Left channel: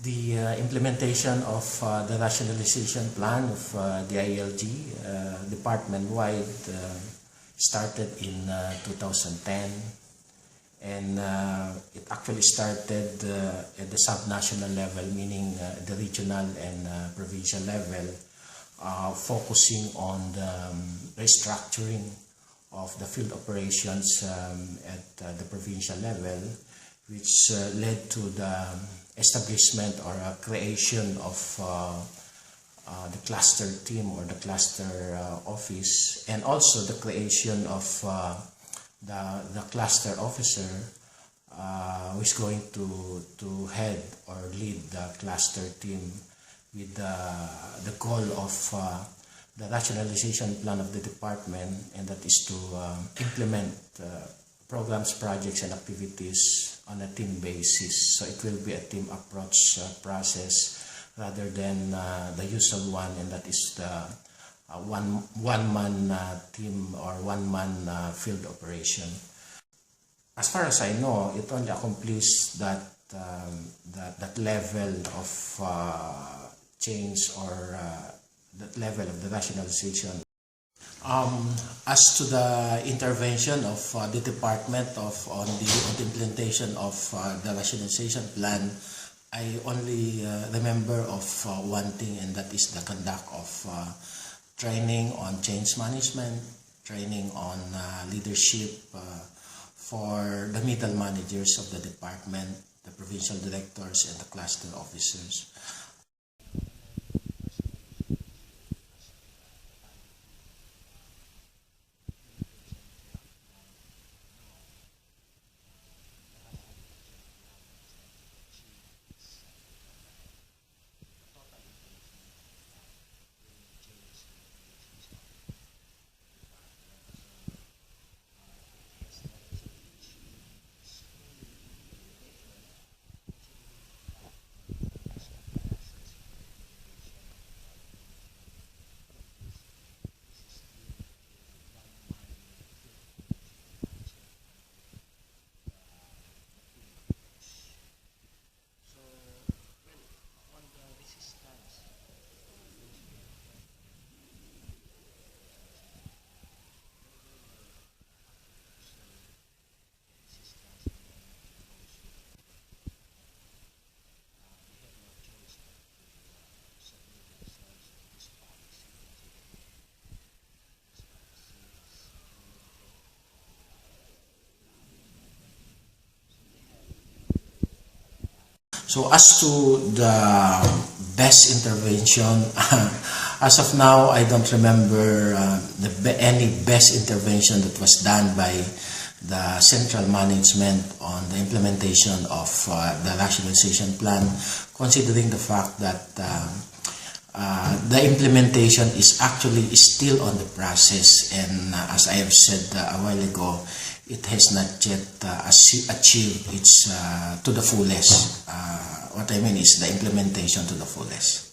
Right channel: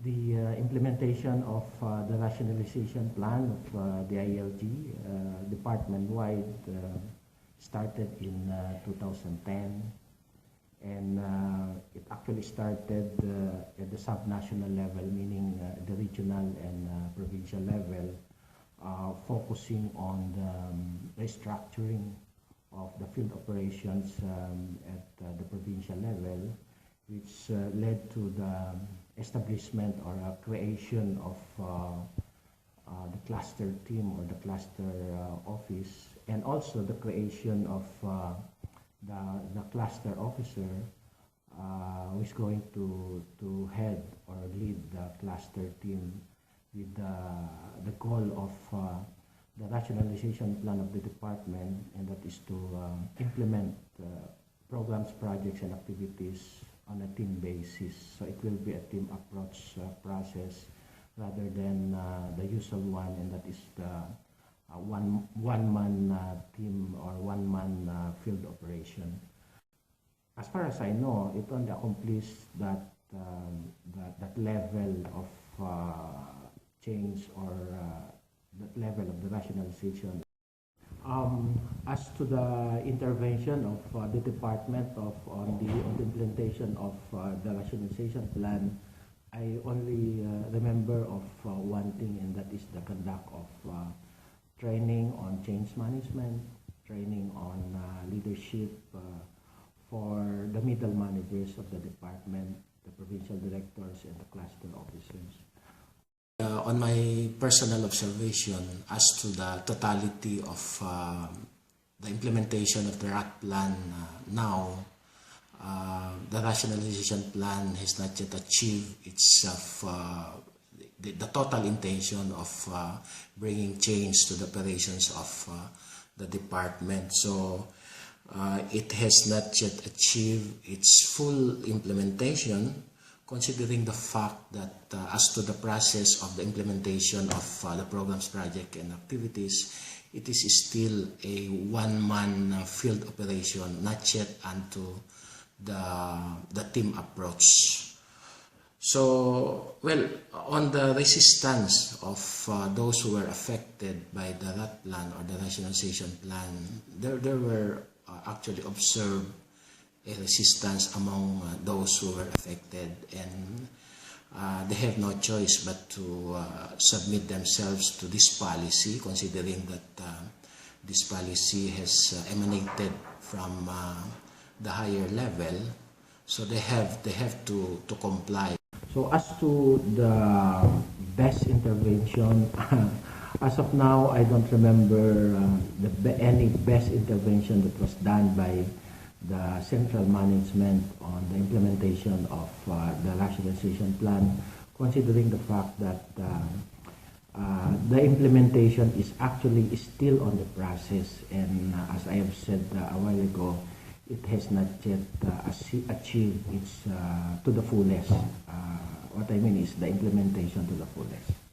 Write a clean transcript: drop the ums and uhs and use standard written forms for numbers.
The implementation of the rationalization plan of the ILG department-wide started in 2010, and it actually started at the sub-national level, meaning the regional and provincial level, focusing on the restructuring of the field operations at the provincial level, which led to the establishment or creation of the cluster team or the cluster office, and also the creation of the cluster officer who is going to head or lead the cluster team with the goal of the rationalization plan of the department, and that is to implement programs, projects, and activities on a team basis. So it will be a team approach process rather than the usual one, and that is the one-man team or one-man field operation. As far as I know, it only accomplished that level of change or that level of the rationalization. As to the intervention of the department on the implementation of the rationalization plan, I only remember of one thing, and that is the conduct of training on change management, training on leadership for the middle managers of the department, the provincial directors, and the cluster officers. On my personal observation as to the totality of the implementation of the RAT plan now, the rationalization plan has not yet achieved the total intention of bringing change to the operations of the department. So it has not yet achieved its full implementation, considering the fact that as to the process of the implementation of the programs, project, and activities, it is still a one-man field operation, not yet onto the team approach. So, well, on the resistance of those who were affected by the RAT plan or the rationalization plan, there were actually observed a resistance among those who were affected, and they have no choice but to submit themselves to this policy, considering that this policy has emanated from the higher level, so they have to comply. So as to the best intervention, as of now, I don't remember any best intervention that was done by the central management on the implementation of the rationalization plan, considering the fact that the implementation is actually still on the process, and as I have said a while ago, it has not yet achieved its to the fullest. What I mean is the implementation to the fullest.